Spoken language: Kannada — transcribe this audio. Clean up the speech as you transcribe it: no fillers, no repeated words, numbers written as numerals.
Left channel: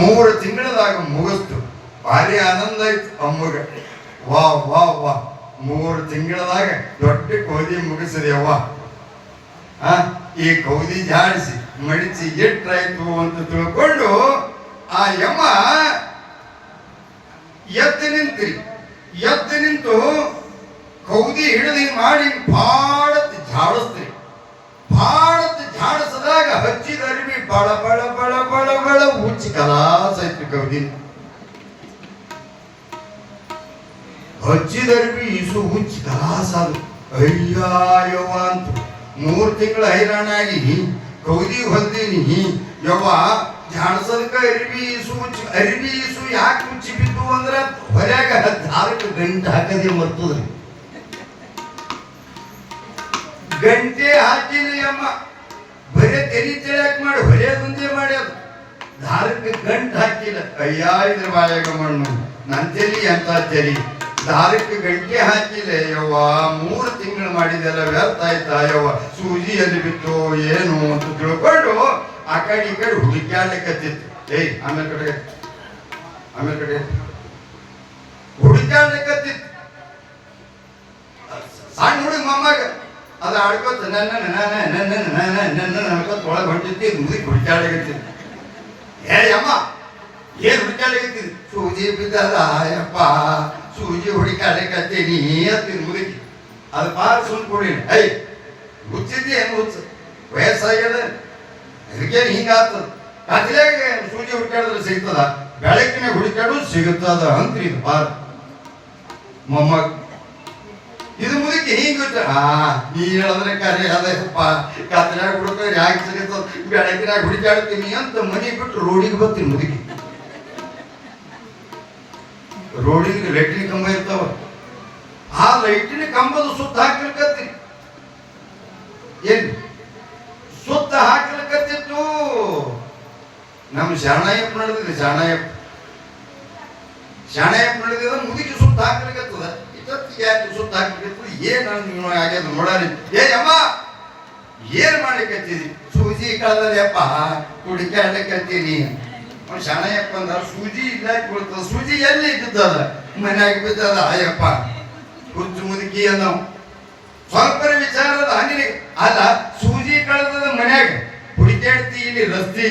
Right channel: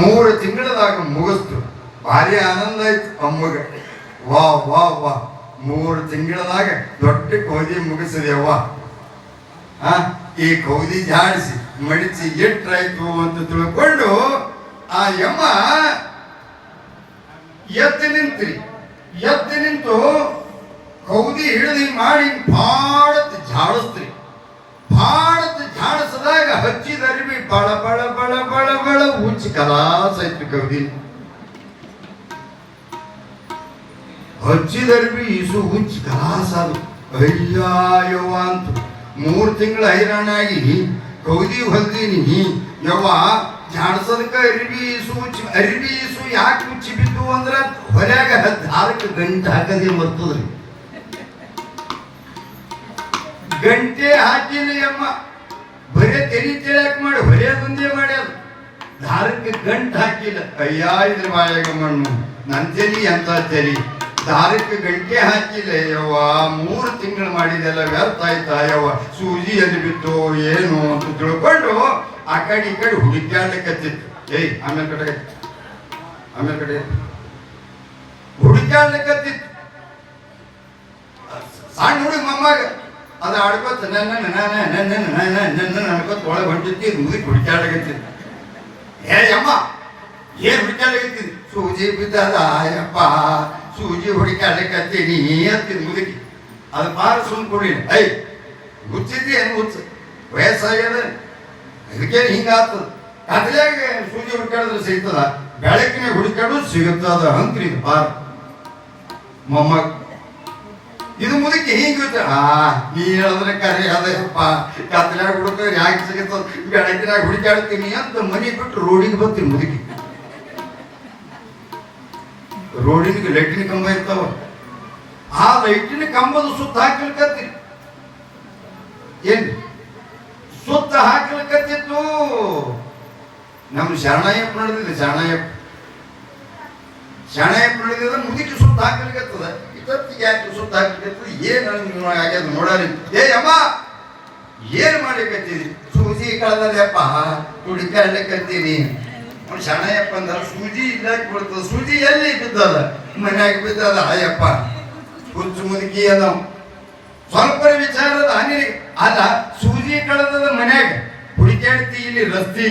3 ತಿಂಗಳದಾಗ ಮುಗಿಸ್ತು. ಭಾರಿ ಆನಂದ ಆಯ್ತು ಅಮ್ಮಗ. ವಾ ವಾ ವಾ 3 ತಿಂಗಳದಾಗ ದೊಡ್ಡ ಕೌದಿ ಮುಗಿಸಿದೆವ್ವ. ಈ ಕೌದಿ ಜಾಡಿಸಿ ಮಡಿಸಿ ಎಟ್ರಾಯ್ತು ಅಂತ ತಿಳ್ಕೊಂಡು ಆ ಯಮ್ಮ ಎದ್ದು ನಿಂತು ಕೌದಿ ಹಿಡಿದು ಮಾಡಿ ಭಾಳತ್ ಝಾಡಿಸ್ತ್ರಿ. ಭಾಳತ್ ಝಾಡಿಸಿದಾಗ ಹಚ್ಚಿದ ಅರಿವಿ ಬಳ ಬಳ ಬಳ ಬಳ ಬಳ ಹುಚ್ಚಿ ಕಲಾಸ ಆಯ್ತು ಕೌದಿ. ಹಚ್ಚಿದ ಅರಿವಿ ಇಸು ಹುಚ್ಚಿ ಕಲಾಸ ಅದು. ಅಯ್ಯವ್ವ ಅಂತು 3 ತಿಂಗಳ ಹೈರಾಣಾಗಿ ಕೌದಿ ಹೊಲ್ದೀನಿ ಯವ್ವ. ಜಾಡ್ಸದಕ್ಕ ಅರಿವಿ ಇಸು ಯಾಕೆ ಮುಚ್ಚಿ ಬಿದ್ದು ಅಂದ್ರ ಹೊರ್ಯಾಗ ದಾರಕ್ಕೆ ಗಂಟೆ ಹಾಕದೆ ಮರ್ತದ್ರಿ. ಗಂಟೆ ಹಾಕಿಲ್ಲ ಅಮ್ಮ, ಬರೇ ತೆರಿ ತೆಳ್ಯಾಕ ಮಾಡಿ ಹೊರೆಯದೊಂದೇ ಮಾಡ್ಯಾರ. ದಾರಕ್ಕೆ ಗಂಟು ಹಾಕಿಲ್ಲ. ಅಯ್ಯ ಇದ್ರ ಬಾಯಾಗ ಮಣ್ಣು ನನ್ನ ತೆಲಿ ಅಂತ ತೆಲಿ. ದಾರಕ್ಕೆ ಗಂಟೆ ಹಾಕಿಲ್ಲ ಯವ್ವ. 3 ತಿಂಗಳು ಮಾಡಿದೆಲ್ಲ ವ್ಯರ್ಥ ಆಯ್ತಾ ಯವ್ವ. ಸೂಜಿ ಎಲ್ಲಿ ಬಿತ್ತು ಏನು ಅಂತ ತಿಳ್ಕೊಂಡು ಆ ಕಡೆ ಈ ಕಡೆ ಹುಡುಕ್ಯಾಡ್ಲಿಕ್ಕತ್ತಿತ್ತು. ಆಮೇಲೆ ಕಡೆ ಹುಡುಕ್ಯಾಡ್ಲಿಕ್ಕತ್ತಿತ್ತು. ಸಣ್ಣ ಹುಡುಗ ಮೊಮ್ಮಗ ಅದು ಆಡ್ಕೋತ ಅನ್ಕೋತ ಒಳಗೆ ಹೊಂಟಿತ್ತು. ಇದು ಮುಗಿ ಹುಡುಕ್ಯಾಡ್ಲಿಕ್ಕತ್ತಿತ್ತು. ಅಮ್ಮ ಏನ್ ಹುಡುಕ್ಯಾಡ್ಲಿಕ್ಕತ್ತಿದ್? ಸೂಜಿ ಬಿದ್ದದ ಯಪ್ಪ, ಸೂಜಿ ಹುಡುಕ್ಯಾಡ್ಲಿಕ್ಕತ್ತೀನಿ ಅಂತಿದ್ ಮುದುಕಿ. ಅದು ಪಾರ ಸುಮ್ ಕೊಡಿ. ಹುಚ್ಚಿದ್ದಿ ಏನು ಹುಚ್ಚ ವಯಸ್ಸಾಗ್ಯದ, ಅದಕ್ಕೇನು ಹಿಂಗಾಗ್ತದ. ಕತ್ಲಾಗ ಸೂಜಿ ಹುಡುಕ್ಯಾಡಿದ್ರೆ ಸಿಗ್ತದ, ಬೆಳಕಿನ ಹುಡುಕ್ಯಾಡೋದು ಸಿಗುತ್ತದ ಅಂತ್ರಿ. ಇದು ಪಾರ ಮೊಮ್ಮಗ. ಇದು ಮುದುಕಿ ಹಿಂಗ ನೀ ಹೇಳಿದ್ರೆ ಕರೆ ಅದಪ್ಪ. ಕತ್ಲಾಗ ಹುಡುಕಿದ್ರೆ ಯಾಕೆ ಸಿಗುತ್ತದ, ಬೆಳಕಿನಾಗ ಹುಡುಕ್ಯಾಡ್ತೀನಿ ಅಂತ ಮನೆ ಬಿಟ್ಟು ರೋಡಿಗೆ ಬರ್ತೀನಿ ಮುದುಕಿ. ರೋಡಿನ ಲೈಟಿನ ಕಂಬ ಇರ್ತಾವ, ಆ ಲೈಟಿನ ಕಂಬದ ಸುತ್ತ ಹಾಕ್ಲಿಕ್ಕತ್ತೀನಿ. ಏನ್ ಸುತ್ತ ಹಾಕ್ಲಿಕ್ಕತ್ತಿತ್ತು? ನಮ್ಮ ಶರಣಯ್ಯಪ್ಪ ನಡೆದಿದೆ. ಶರಣಯ್ಯಪ್ಪ ನಡೆದಿದ ಮುದುಕಿ ಸುತ್ತ ಹಾಕ್ಲಿಕ್ಕತ್ತದ. ಇಷ್ಟೊತ್ತಿಗೆ ಯಾಕೆ ಸುತ್ತ ಹಾಕ್ಲಿಕ್ಕತ್ತದ? ಏನ್ ಆಗ್ಯದ ನೋಡಾರಿ. ಅಮ್ಮ ಏನ್ ಮಾಡ್ಲಿಕ್ಕತ್ತೀರಿ? ಸೂಜಿ ಕಳೆದಪ್ಪ, ಹುಡುಕ್ಯಾಡ್ಲಿಕ್ಕತ್ತೀನಿ. ಶರಣಯ್ಯಪ್ಪ ಅಂದ ಸೂಜಿ ಇಲ್ಲಾಕ್ ಬೀಳ್ತದ? ಸೂಜಿ ಎಲ್ಲಿ ಬಿದ್ದದ? ಮನ್ಯಾಗ ಬಿದ್ದದ. ಅಯ್ಯಪ್ಪ ಹುಚ್ಚು ಮುದುಕಿ ಅನ್ನೋ ಸ್ವಲ್ಪ ವಿಚಾರದ ಅನಿಲ ಅಲ್ಲ. ಸೂಜಿ ಕಳೆದದ ಮನ್ಯಾಗ ಹುಡುಕ್ಯಾಡ್ತಿ ಇಲ್ಲಿ ರಸ್ತಿ